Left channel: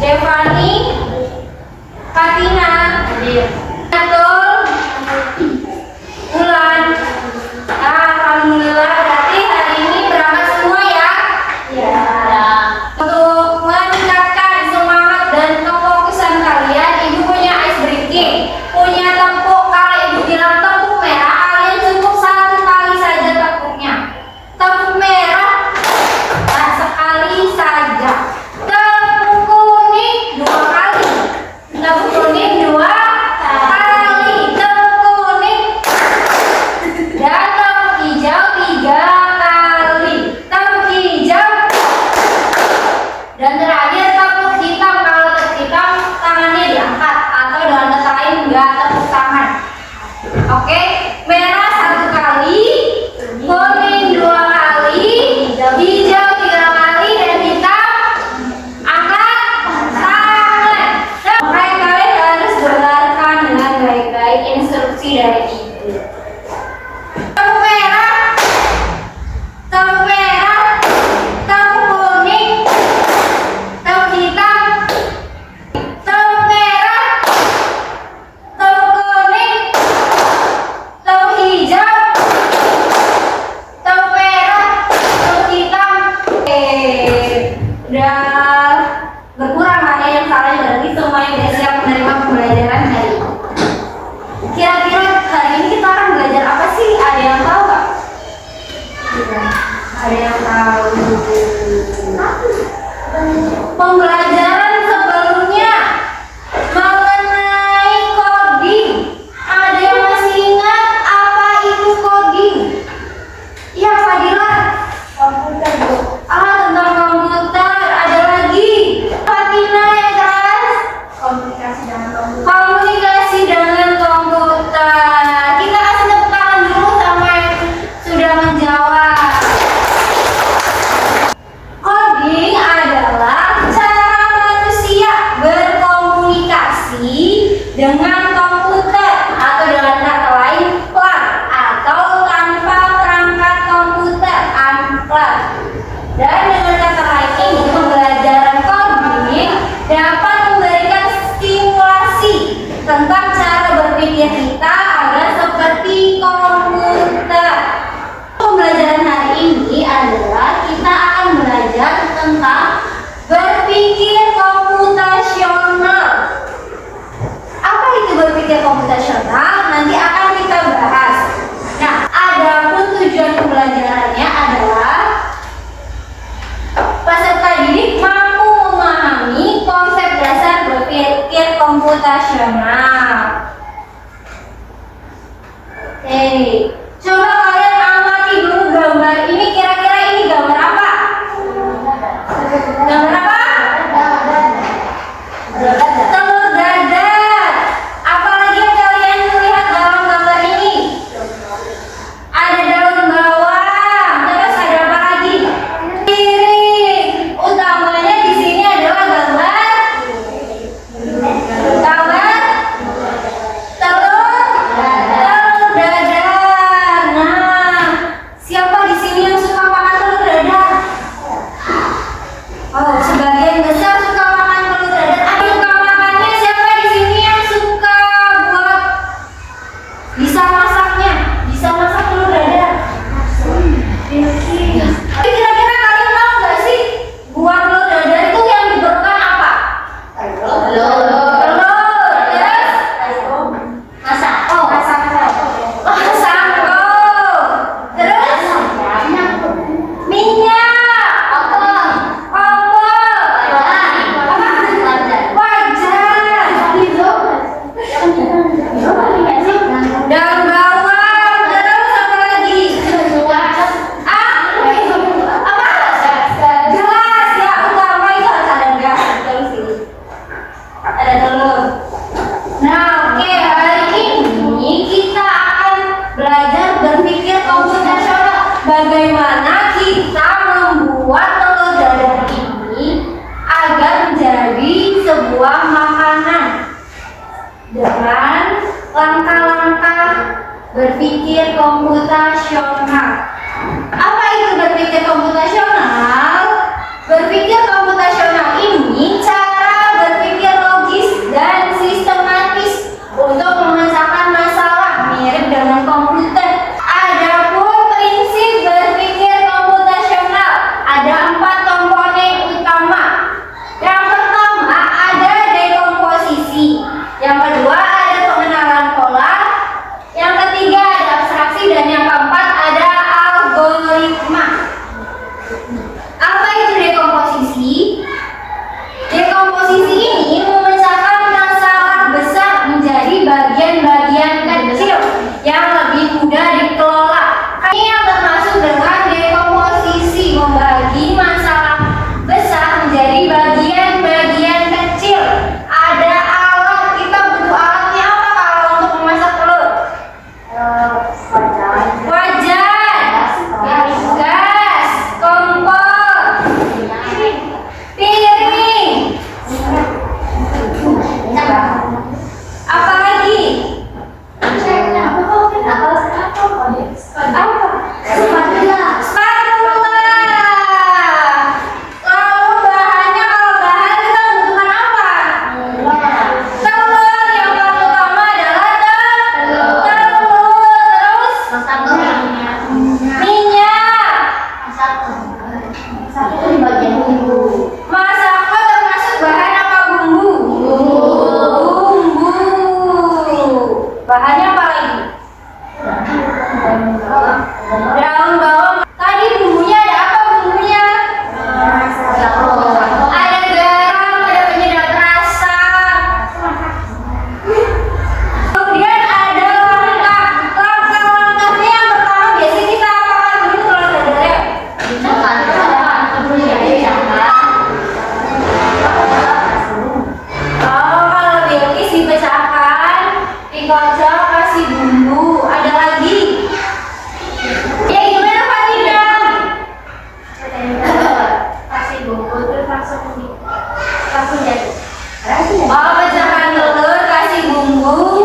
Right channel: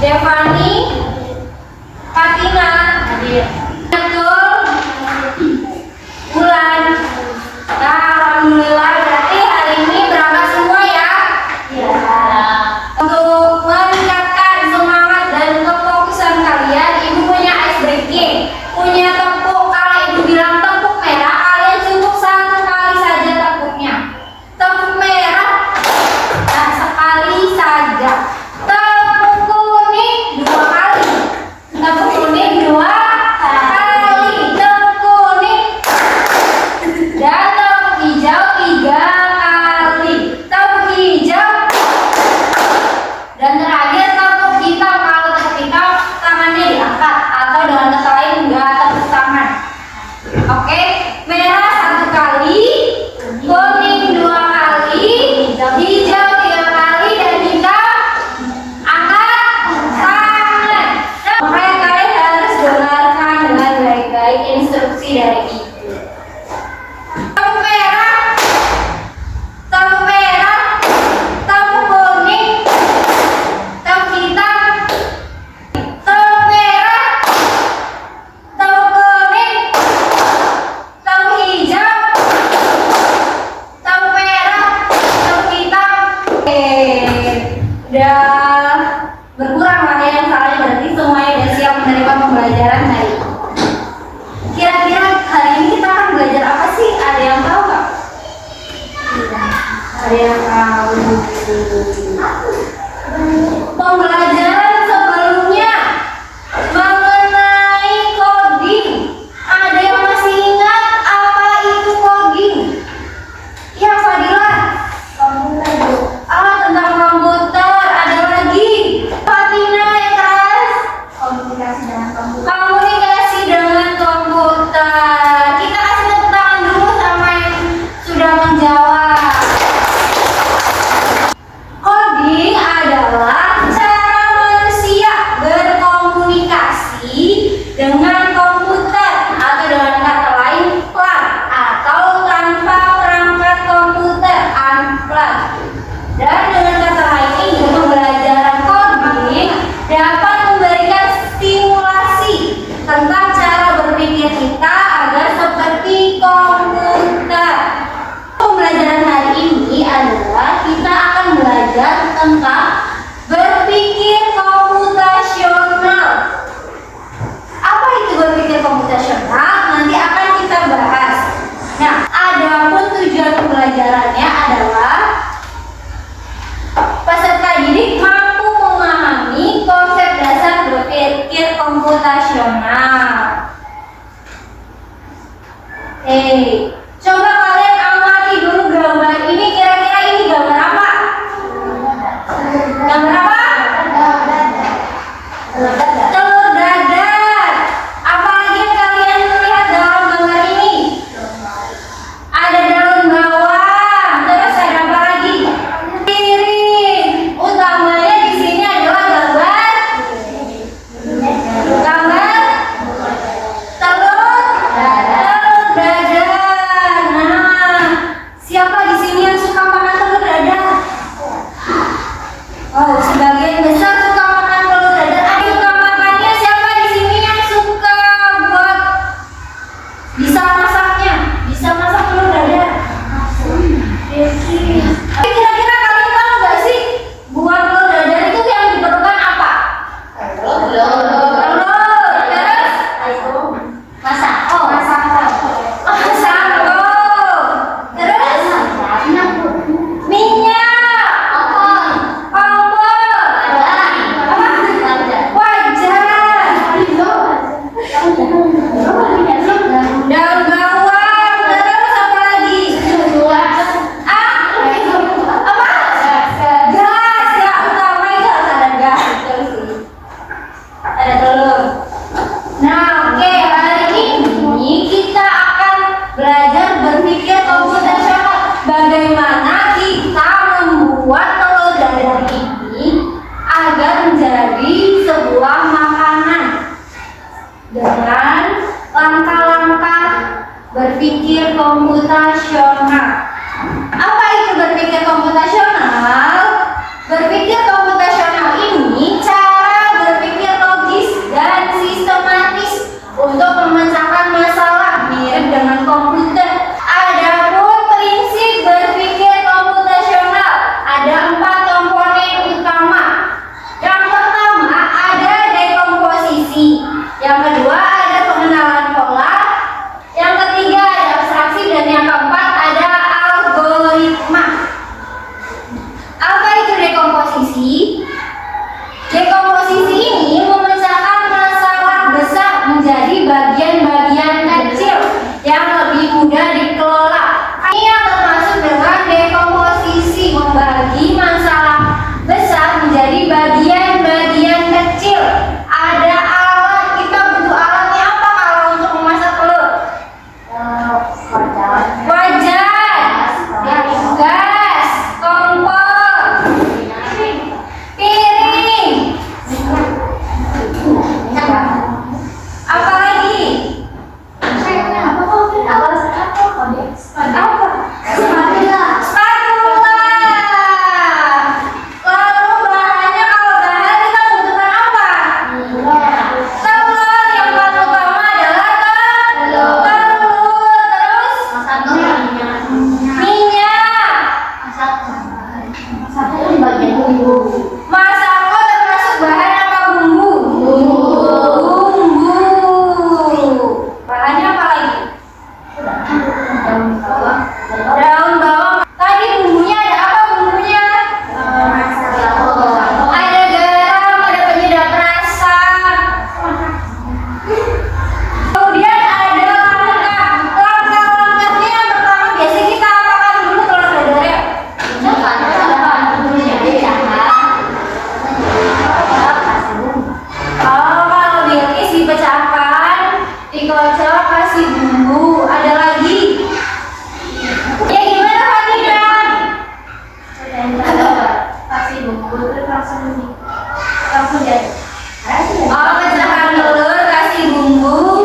Devani, Katina, hadir. Betul, Bulan. Alhamdulillah, berarti hari ini berangkat semua ya? Ya. Untuk meningkatkan semangat dan kefokusan kalian, Ibu punya ice breaking, punya tepuk. Kalau Ibu bilang tepuk merah, kalian cukup satu kali saja tepuknya. Tepuk merah, nah sekali saja. Tepuk kuning 2 kali. Tepuk kuning 2 kali. Tepuk kuning dan tepuk hijau 3 kali. Tepuk hijau dan terakhir tepuk hitam. Kalau tepuk hitam tangannya diangkat atau dengan kata lain nggak tepuk tangan. Oke, merah 1 kali, kuning 2 kali, hijau 3 kali, dan hitam angkat tangan. Oke, kalian harus dengarkan dengan baik-baik instruksi dari Ibu. Tepuk merah, tepuk merah, tepuk kuning, tepuk hitam, tepuk merah, tepuk kuning, tepuk hijau, tepuk merah, tepuk hitam. Udah berkurang mana yang salah, berarti semuanya udah siap menerima pembelajaran hari ini. Kira-kira hari ini kita akan belajar apa sih? Ada yang tahu nggak? Ada yang tahu? Pembelajaran sebelumnya mengenai coding. Ada yang masih ingat apa itu coding? Ya, Fadila. Komputer, Bu. Tentang komputer. Ada lagi. Fatina yang kelas komunikasi dengan komputer. Komunikasi dengan komputer. Kita kasih tepuk tangan dulu sama yang sudah menjawab. Coding adalah cara manusia berkomunikasi dengan komputer, atau dengan kata lain plug, atau tanpa perangkat komputer unplug. Dan dengan kata lain ini, pembelajaran coding dapat memberikan stimulasi tentang cara berpikir kita agar seperti komputer. Pembelajaran hari ini adalah kita akan belajar tentang berpikir komputasional. Apa itu berpikir komputasional? Nanti akan kita bahas. Nah, adapun tujuan pembelajarannya adalah peserta didik mampu memahami konsep dasar berpikir komputasional. Oke, coba kalian amati dulu gambar ini. Kira-kira ini gambar apa? Gambar apa? Telur dadar. Apalagi yang kalian lihat dalam gambar ini? Ada daun bawang. Terus ada apa lagi? Piring. Utamanya di sini adalah gambar telur dadar. Nah, siapa di sini yang suka makan telur dadar? Oh, sebagian besar suka makan telur dadar. Ada yang suka makannya? Siapa di sini yang suka buat bisa masaknya? Bisa masak telur dadar? Tapi kira-kira kalian tahu nggak sih buat telur dadar itu yang diperlukan apa? Telur. Terus? Masak. Oh, masak. Terus? Minyak. Kompor. Wajan. Daun bawang. Terus apa lagi? Apa? Gas. Ya, utama itu harus ada gas. Terus ini ada telur. Nah, oke, hari ini kita akan belajar berpikir komputasional. Bagaimana kita membuat telur dadar ini agar menjadi sebuah makanan dengan langkah-langkah berpikir komputasional. Apa itu berpikir komputasional? Berpikir komputasional ini cara Oh, pecahkan telur, kasih bumbu,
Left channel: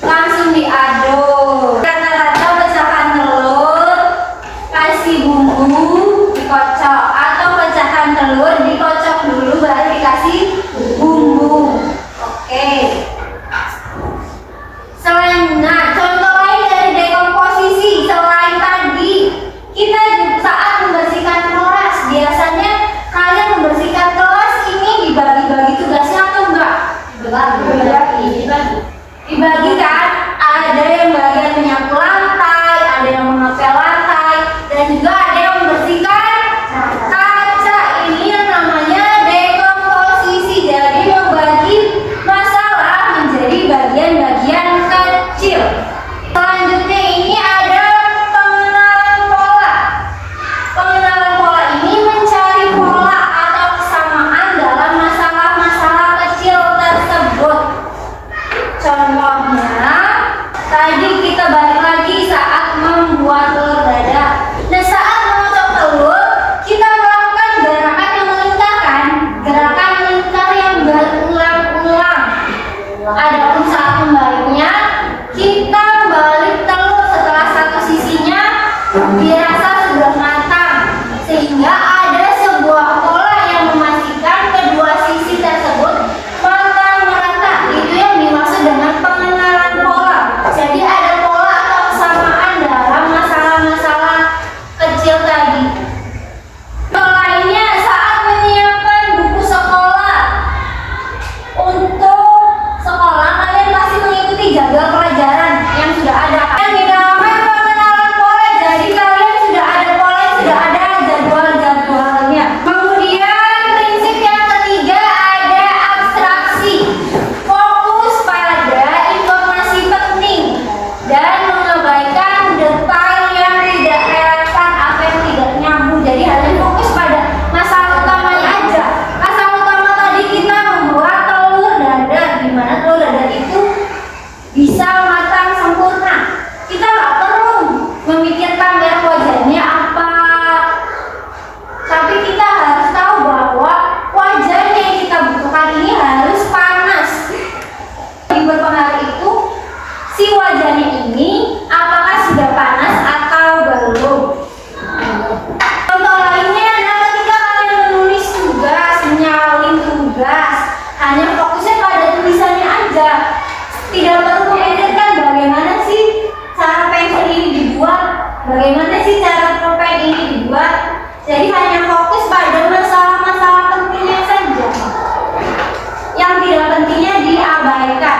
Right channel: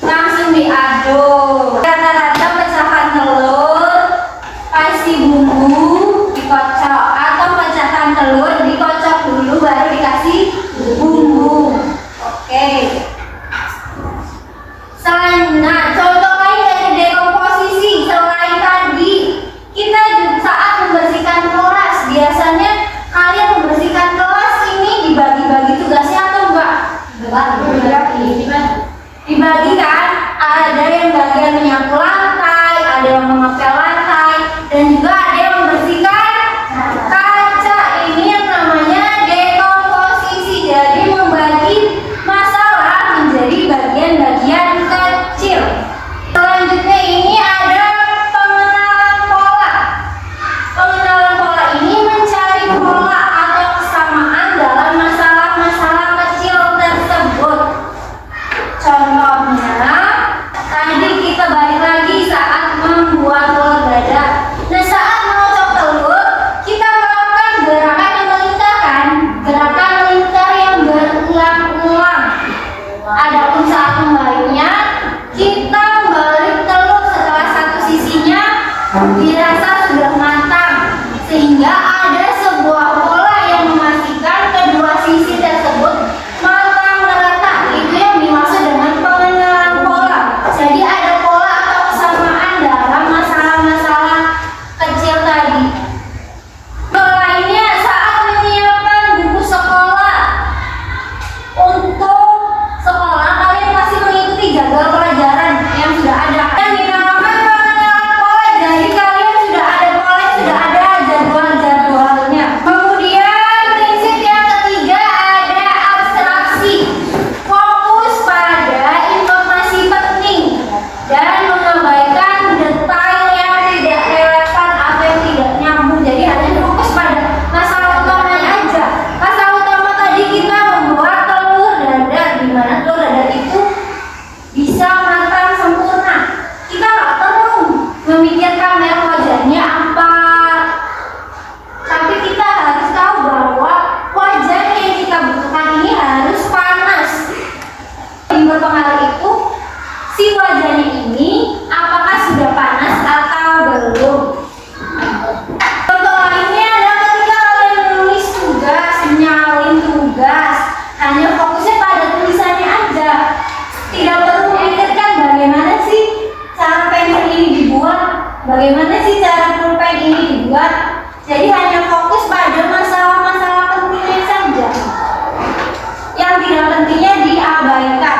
langsung diaduk. Rata-rata pecahkan telur, kasih bumbu, dikocok. Atau pecahkan telur, dikocok dulu baru dikasih bumbu. Oke. Nah, contoh lain dari dekomposisi selain tadi, kita saat membersihkan kelas, biasanya kalian membersihkan kelas ini dibagi-bagi tugasnya atau enggak? Dibagi kan? Ada yang bagian menyapu lantai, ada yang mengepel lantai, dan juga ada yang membersihkan kaca. Ini yang namanya dekomposisi. Jadi membagi masalah menjadi bagian-bagian kecil. Selanjutnya ini ada pengenalan pola. Pengenalan pola ini mencari pola atau kesamaan dalam masalah-masalah kecil tersebut. Contohnya, tadi kita balik lagi saat membuat telur dadar. Nah, saat mengocok telur, kita melakukan gerakan yang melingkarkan, gerakan melingkar yang berulang-ulang. Adapun saat membaliknya, kita membalik telur setelah satu sisinya dirasa sudah matang, sehingga ada sebuah pola yang memastikan kedua sisi tersebut matang merata. Itu yang dimaksud dengan pengenalan pola. Jadi ada pola atau kesamaan dalam masalah-masalah kecil tadi. Lainnya saat menyiapkan buku sekolah. Untuk sekolah kalian pasti mengikuti jadwal pelajaran yang sudah ada. Dan dinamakan pengenalan pola. Jadi kalian sudah ada pola, sudah ada jadwal-jadwalnya. Kemudian prinsip yang ketiga ada abstraksi. Fokus pada informasi penting dan mengabaikan detail yang tidak relevan atau yang tidak nyambung. Jadi hanya fokus pada masalah utamanya aja. Masalah utama tadi kita membuat telur dadar, di mana telur dadar itu bisa matang sempurna. Kita nggak perlu memikirkan merek wajahnya apa, tapi kita harus tahu bahwa wajan yang kita butuhkan ini harus panas. Yang berpengaruh itu si wajannya ini apakah sudah panas atau belum. Contoh lainnya adalah ketika kalian menulis tugas, menyalin tugas, hanya fokusnya pada tulisannya aja. Tidak perlu memikirkan bagaimana sih cara pensil ini dibuat, bagaimana sih cara pulpen ini dibuat. Jadi hanya fokus pada masalah-masalah pentingnya saja. Yang tidak pentingnya diabaikan.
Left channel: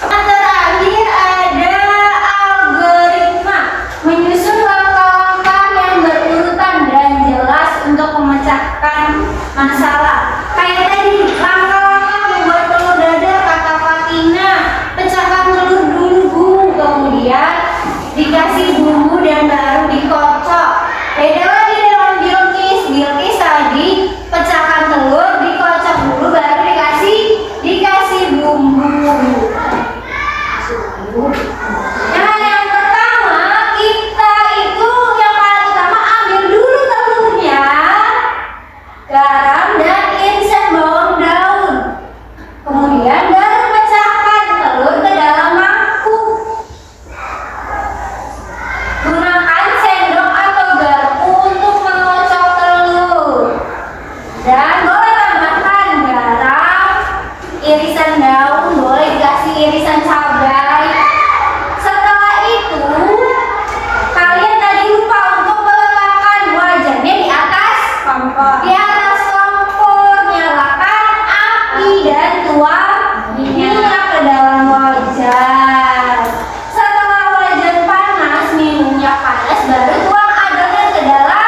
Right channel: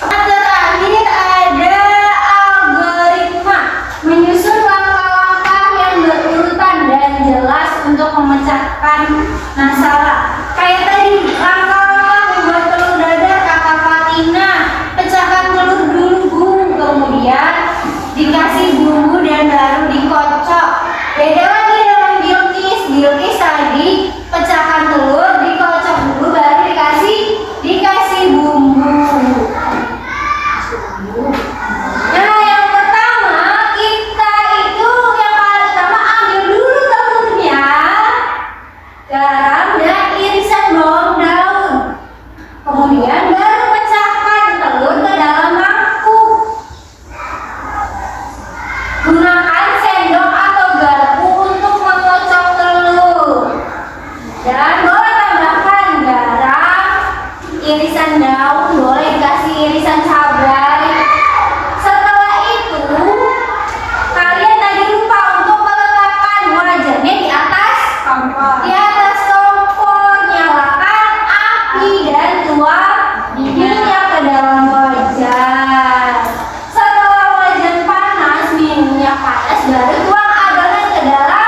Yang terakhir ada algoritma, menyusun langkah-langkah yang berurutan dan jelas untuk memecahkan masalah. Kayak tadi, langkah-langkah membuat telur dadar Kakak Fatina. Pecahkan telur dulu bumbu, kemudian dikasih bumbu dan baru dikocok. Beda lagi dalam Bilqis. Bilqis tadi pecahkan telur, dikocok dulu baru dikasih bumbu. Nah, yang pertama kita itu yang paling pertama ambil dulu telurnya, garam dan irisan bawang daun. Kemudian baru pecahkan telur ke dalam mangkuk. Gunakan sendok atau garpu untuk mengocok telur. Dan boleh tambahkan garam, irisan daun, boleh kasih irisan cabai. Setelah itu, kalian tadi lupa untuk meletakkan wajannya di atas kompor. Nyalakan api dan tuang minyak ke dalam wajan. Setelah wajan panas, minyak panas, baru tuang adonan ke dalam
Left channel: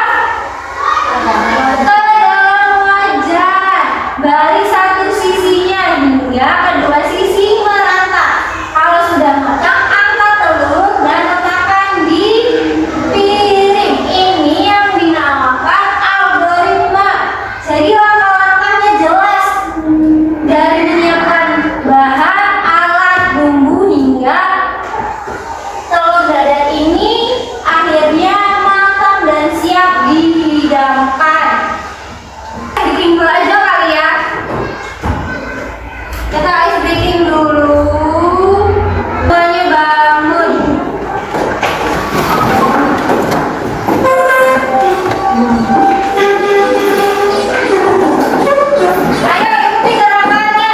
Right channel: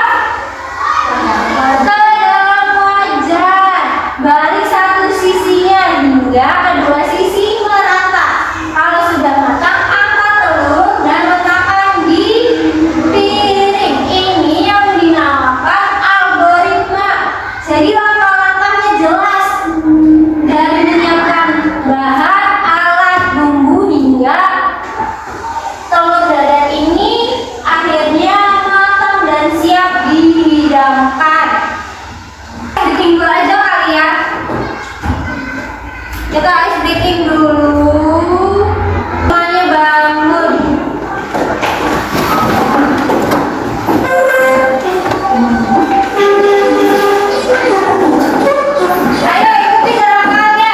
wajan. Balik satu sisinya hingga kedua sisi merata. Kita ice breaking dulu. Semuanya bangun. Ayo ikuti gerakannya.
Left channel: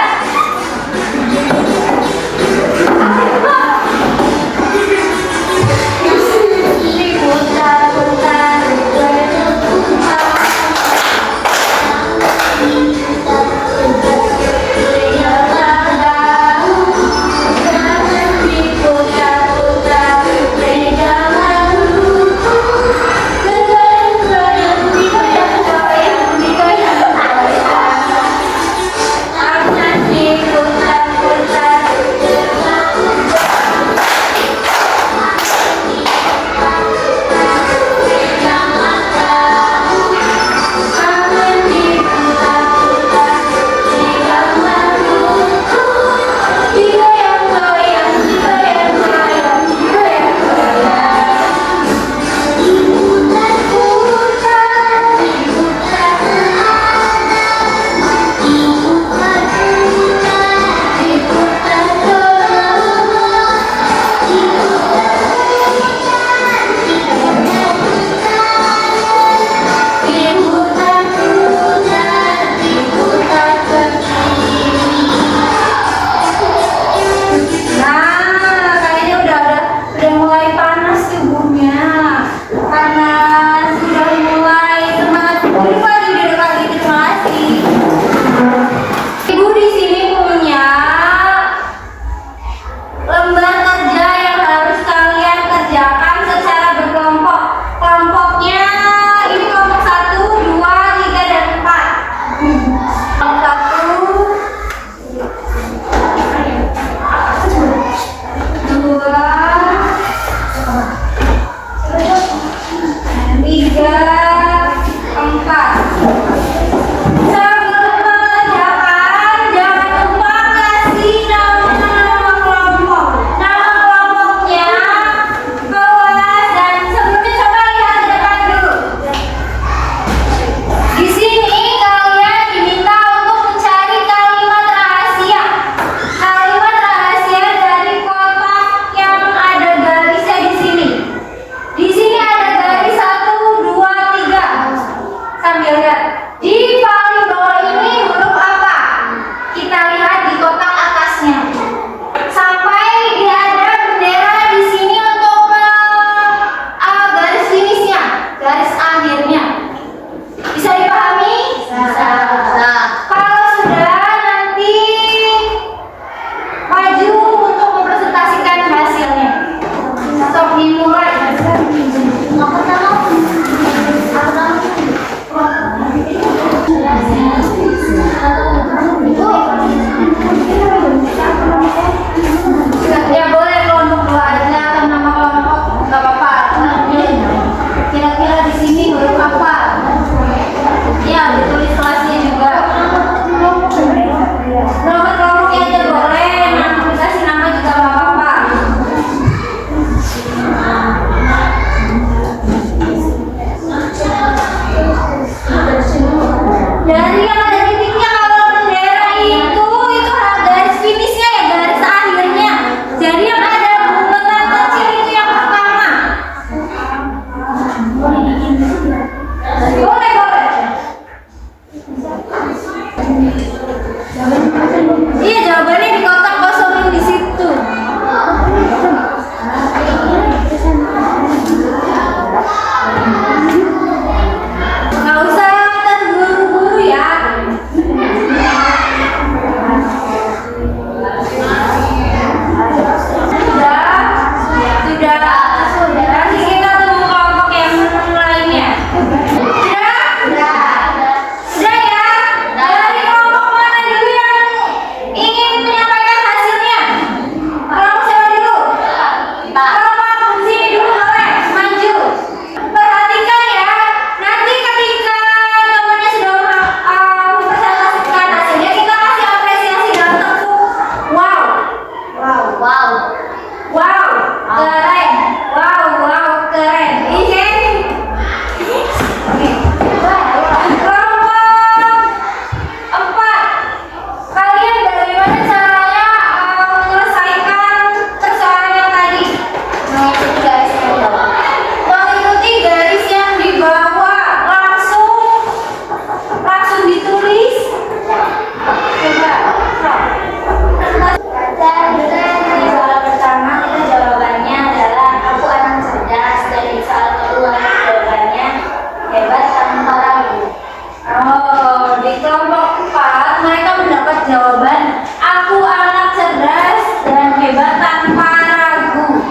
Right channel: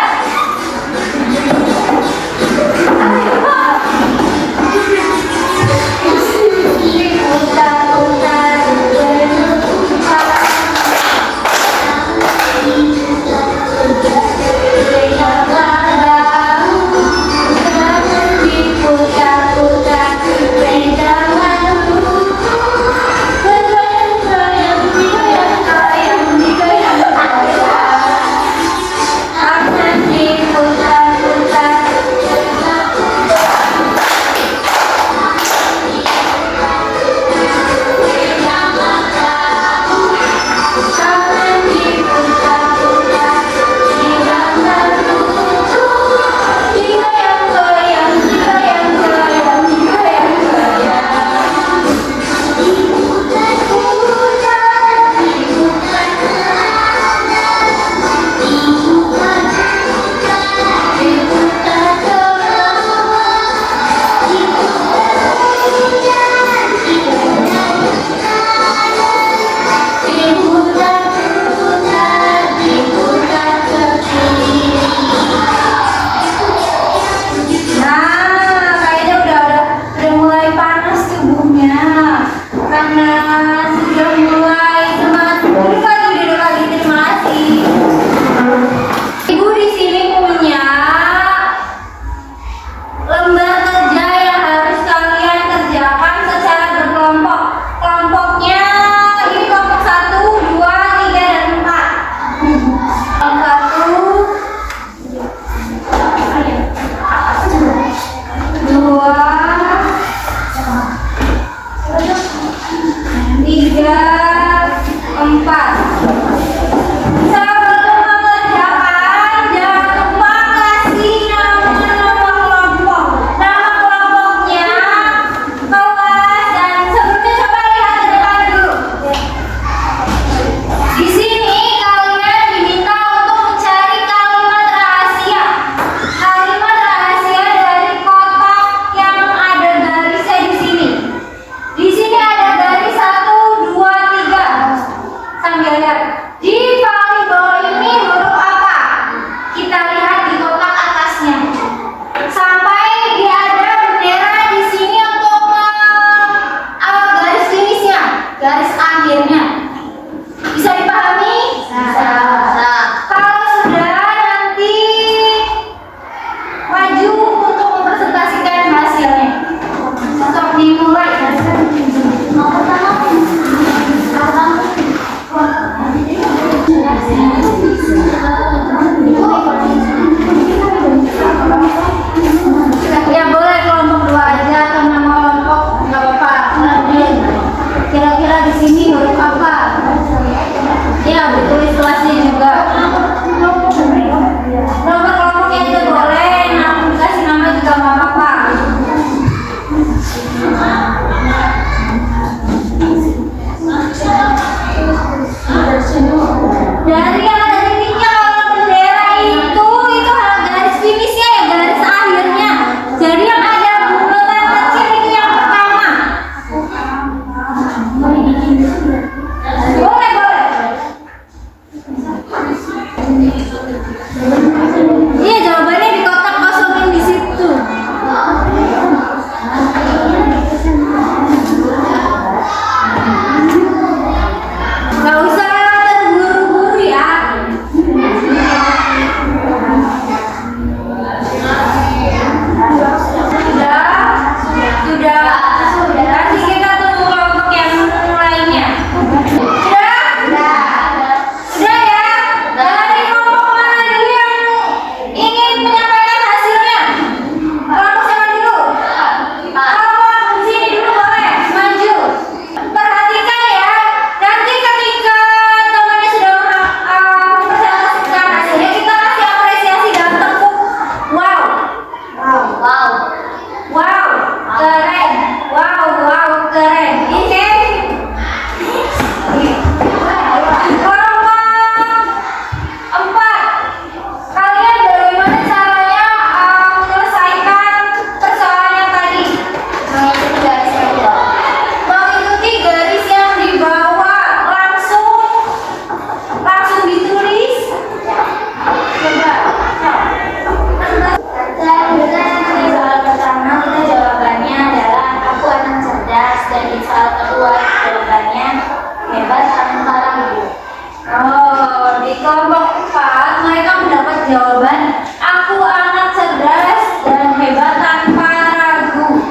jawaban. Aku anak cerdas dan hebat tanpa ragu.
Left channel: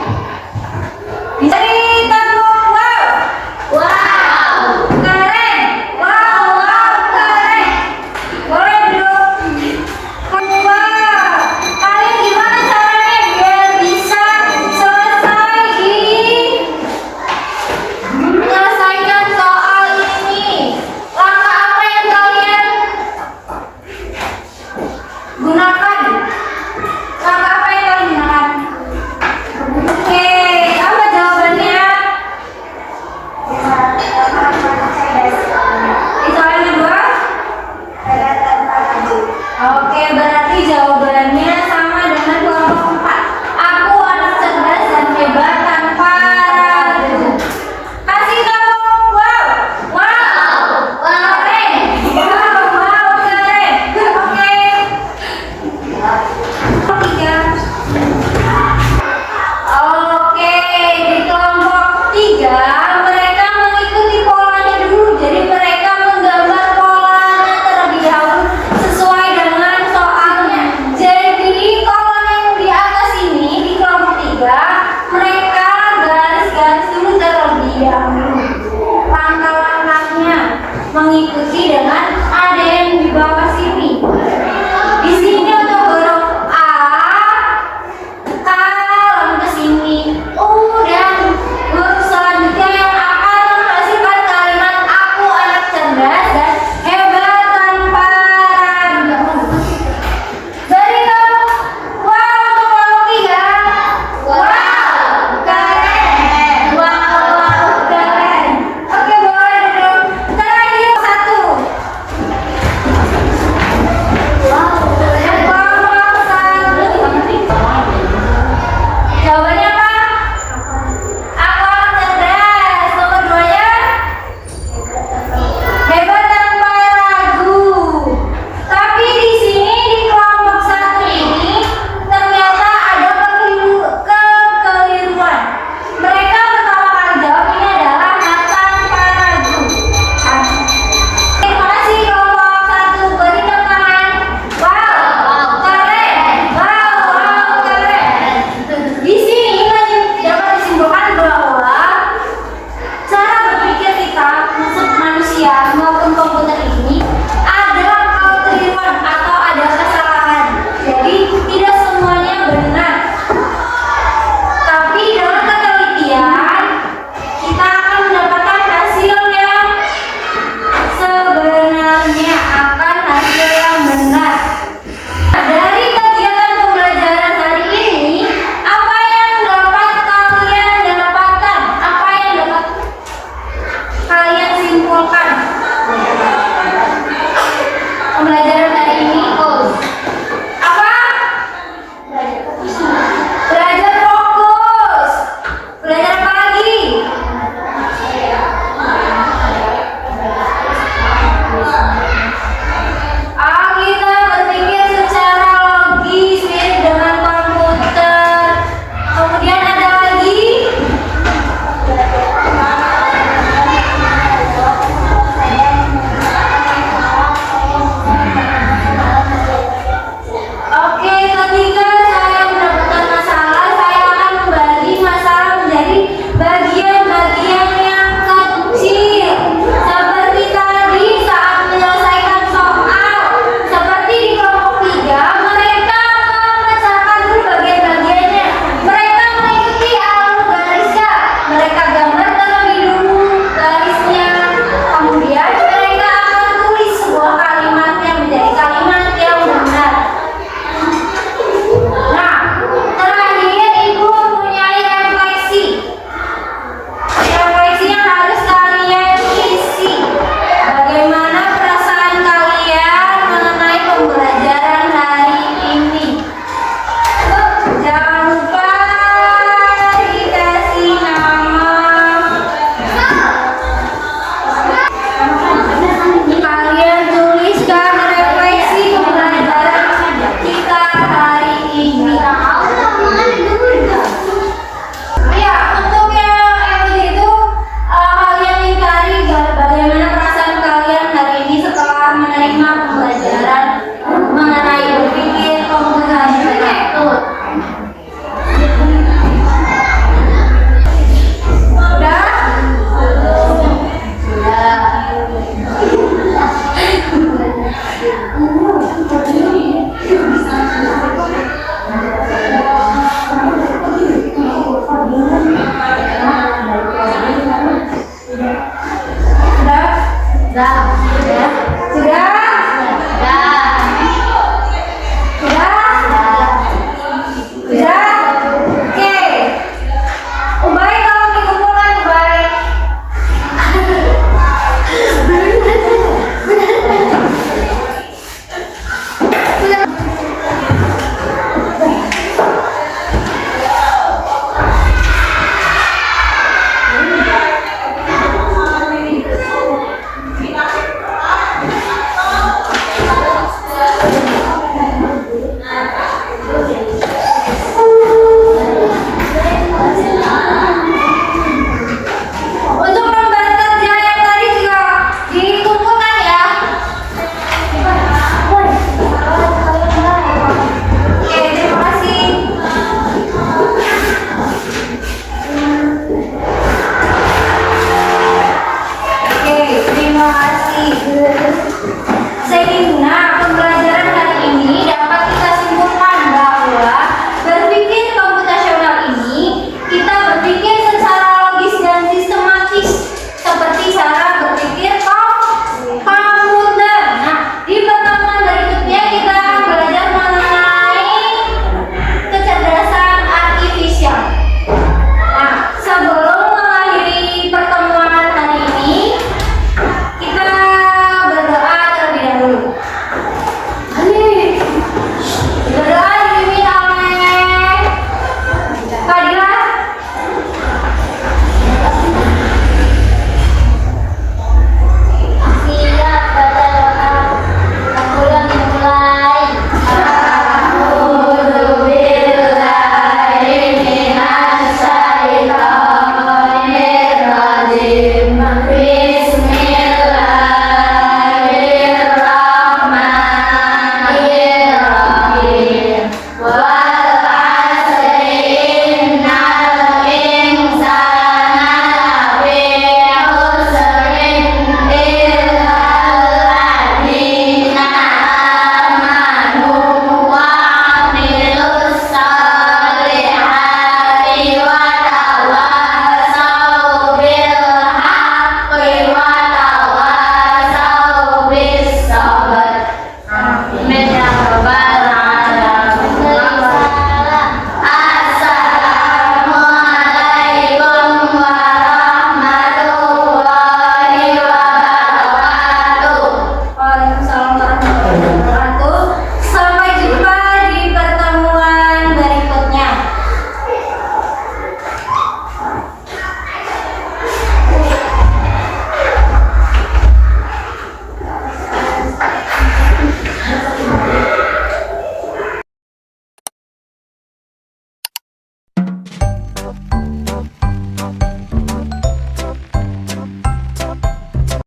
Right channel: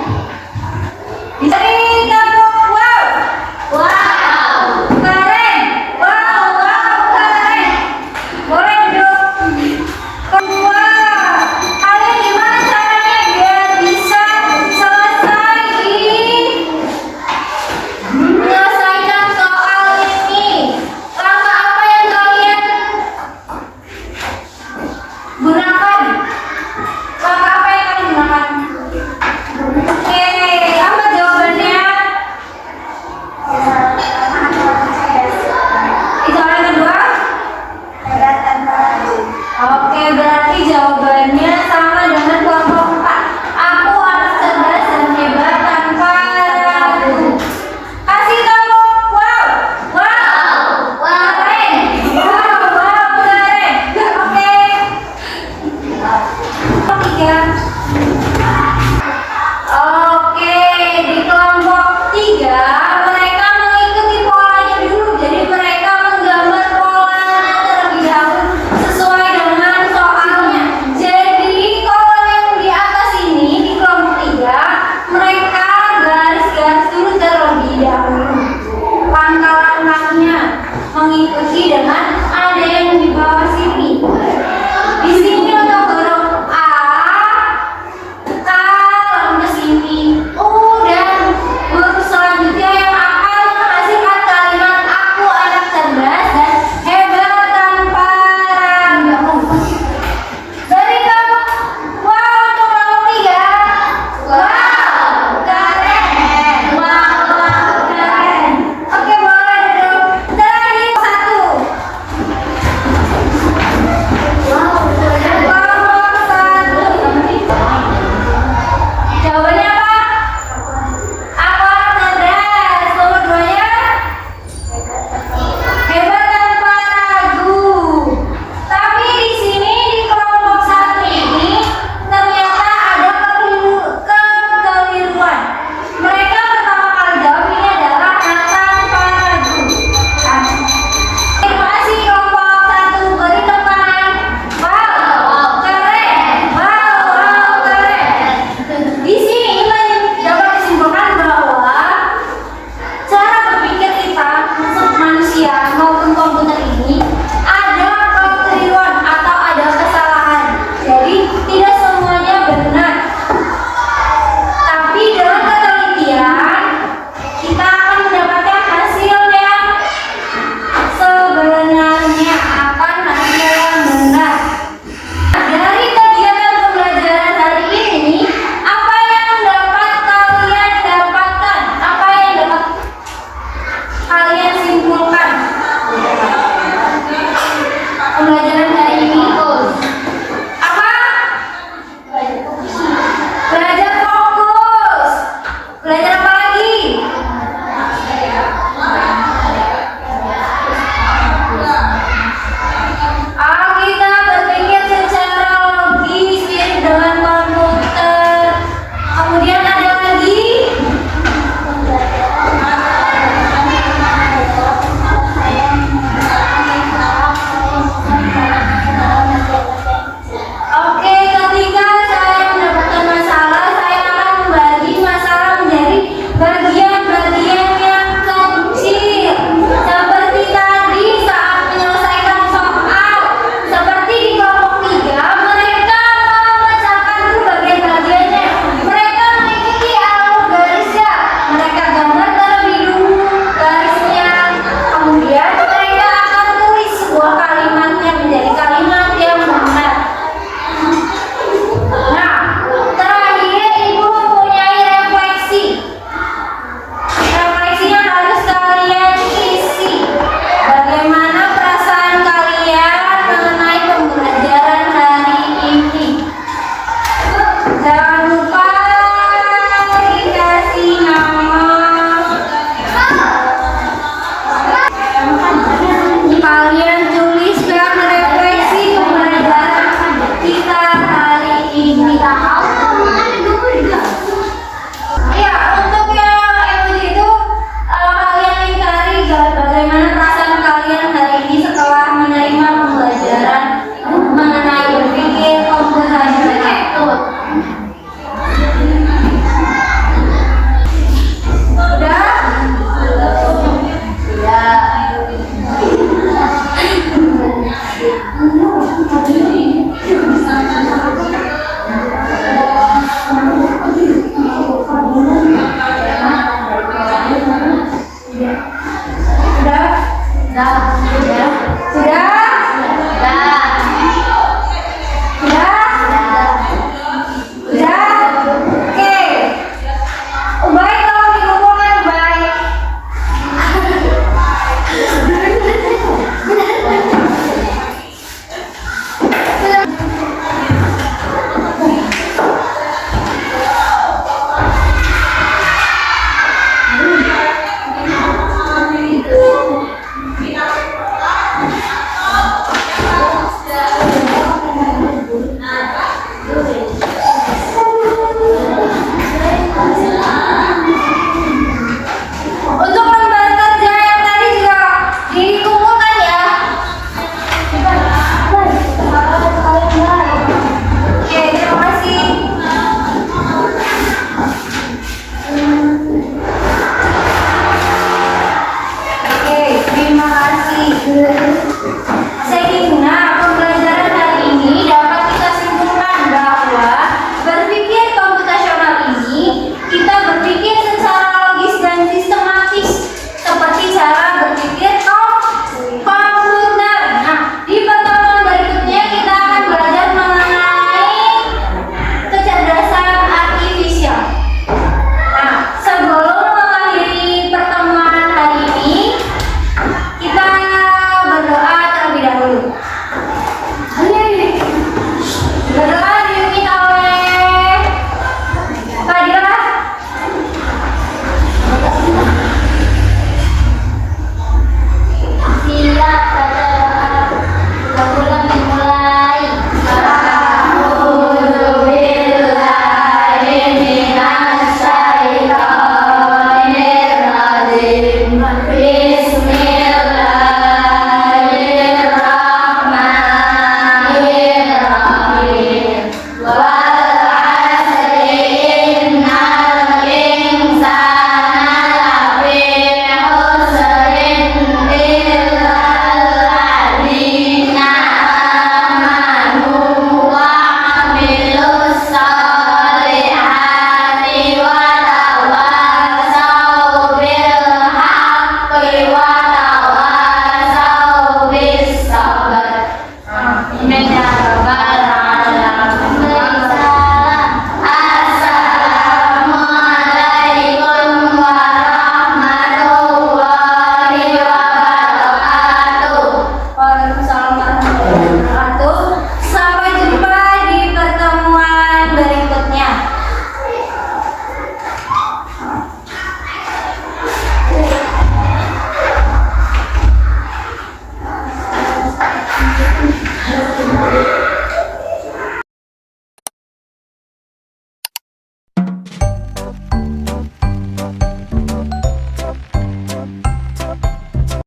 Bisa ditepuk wow. Wow. Keren. Wow, wow, keren. Boleh duduk. Kedua, kalian gimana caranya biar bisa selesai menyelesaikan soal ini? Langkah apa yang kalian gunakan?